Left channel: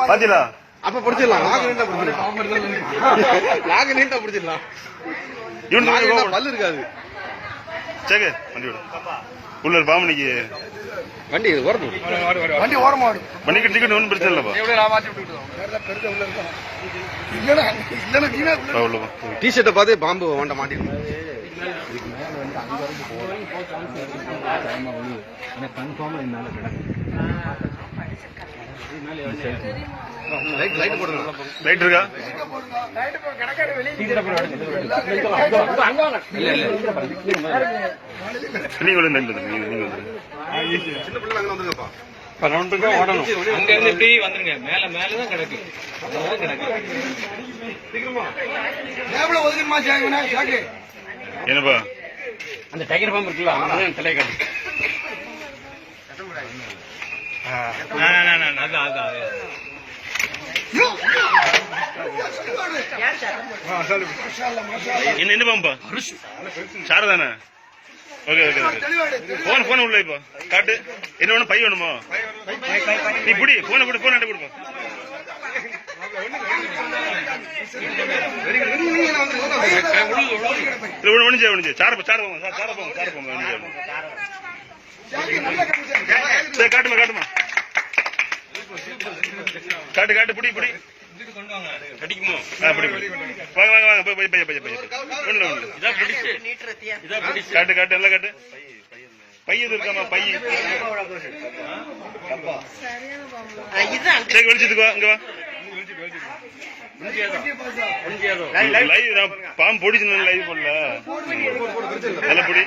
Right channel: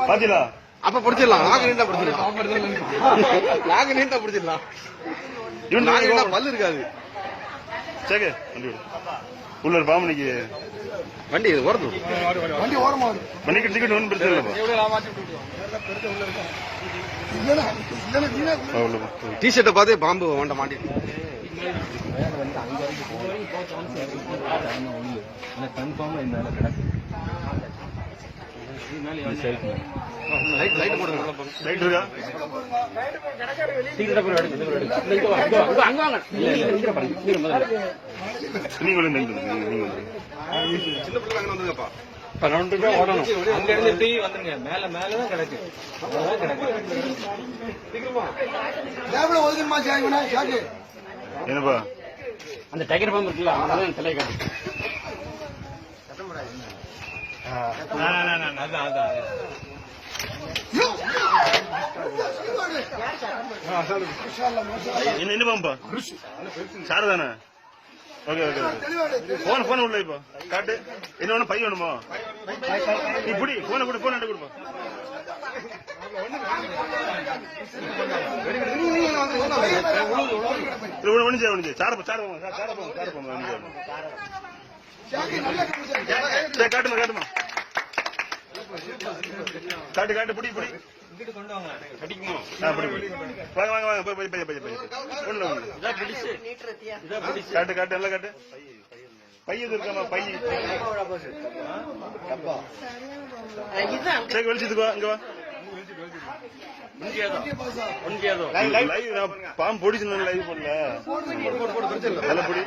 பாத்தீங்களா? அப்ப பிடிச்சிடலாம். நாக்கு நீண்டா பிடிச்சிடலாம். நாக்கு நீண்டா பிடிச்சிடலாம். இவன். பல்லு இருக்காது. சேகு வண்டி விடு உள்ள ஒரு பாமணிக்கு வண்டி இது ஓரத்து வண்டி ஓரமா பண்ணிக்கிட்டு டிக்கெட் ஒன்றும் பிரச்சனை இல்லப்பா. டி ஷர்ட்டை பார்த்து பாம்பு வண்ட லைட் லைட் போடுங்க லைட் இருக்கா நீங்க வந்து நீங்க நீங்க அங்க இருந்து இப்படி வந்துருங்க மேல மேலதான் கிடக்கு கிடக்கு என்னப்பா? அந்த டைகர் பாம்பு இருக்குல்ல அங்கதான் தலையை காட்டு என்ன என்ன பாம்பா சாரு தானே ஓகே ஓகே போன் போன் உள்ள இப்போ காட்டு என்ன வேணும் பை வேணுமா நீ புடி போனை கொடு போன் கொடுப்பா ஒண்ணு ஒண்ணு ஒண்ணு சார சார போங்க காட்டுமா காட்டுமா காட்டு காட்டு புடி புடி கடிக்குமோ ஆ புடி புடி வாங்க வாங்க வாங்க போய் போய் போய் போய் போய் ஒண்ணுல ஒண்ணு இதான் பிடிச்சு இதான் பிடிச்சு காட்டு காட்டு நல்லா காட்டு பை எது இருக்காமா பை சரி வெளிச்சத்துக்கு வா இங்க வா லைவ் நான் பாம்பு பொடிச்சு லைவ் போடல நல்ல பொடி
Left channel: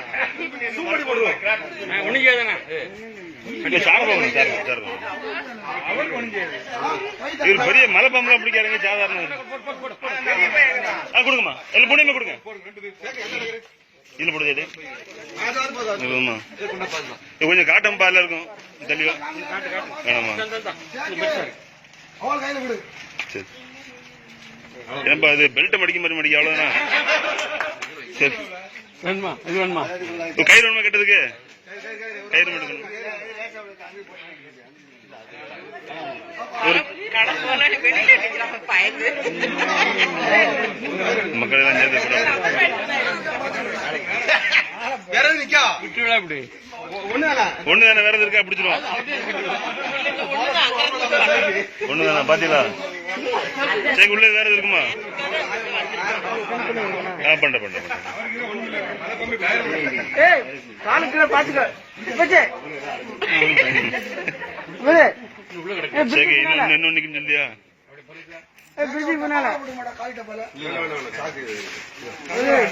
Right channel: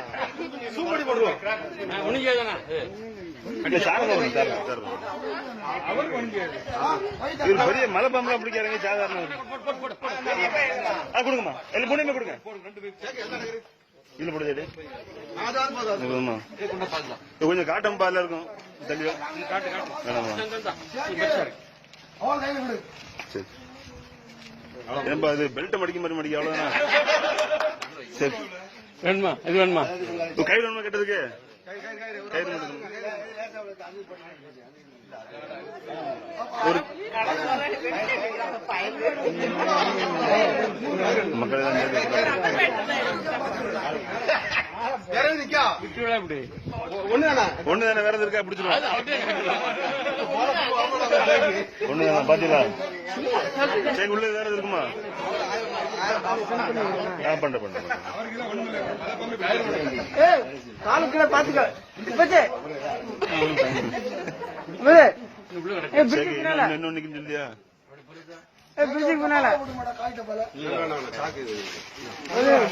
சார பாம்பு இவர் பெரிய மலை பாம்புலாம் பிடிக்காருங்க சாதாரண கொடுங்கம்மா. இல்ல பொடியுமே கொடுங்க. இதுல போடுது கொஞ்சம் காட்டன் பால்ல இருக்கும். தெளிவா. வேணாமா? சரி. ஏன்பா இது பெல்ட் மடிக்க மாதிரி மடிக்க அவ்வளவுதானா? சரி. வேணுமா இது வேணுமா கயிறு வேணுமா கட்டுறதுக்கு கயிறு மட்டும் ஒரு மக்கள் எல்லாம் சேர்ந்து ஒண்ணுதானே ஒண்ணு தானே வேற எது இருக்கா? பிடிச்சிருவோம். ஒண்ணு தானே பாத்தீங்களா? சரி உள்ள வேற எது இருக்குமா? பண்ற பண்ற ஏய் காலு கீழே பாத்துக்க. இப்பச்சே இன்னும் இன்னும் நிக்கும் சொல்லியா? பிரிட்ஜுக்கு பின்னால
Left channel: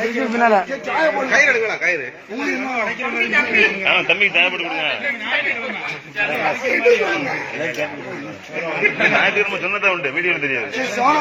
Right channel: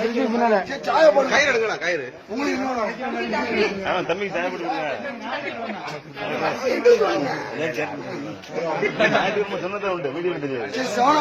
பிரிட்ஜுக்கு பின்னால கயிறு கயிறு தேவைப்பட்டு கொடுங்க ஞாயிற்றுக்கிழமை உண்டு வீடியோ தெரியாது சும்மா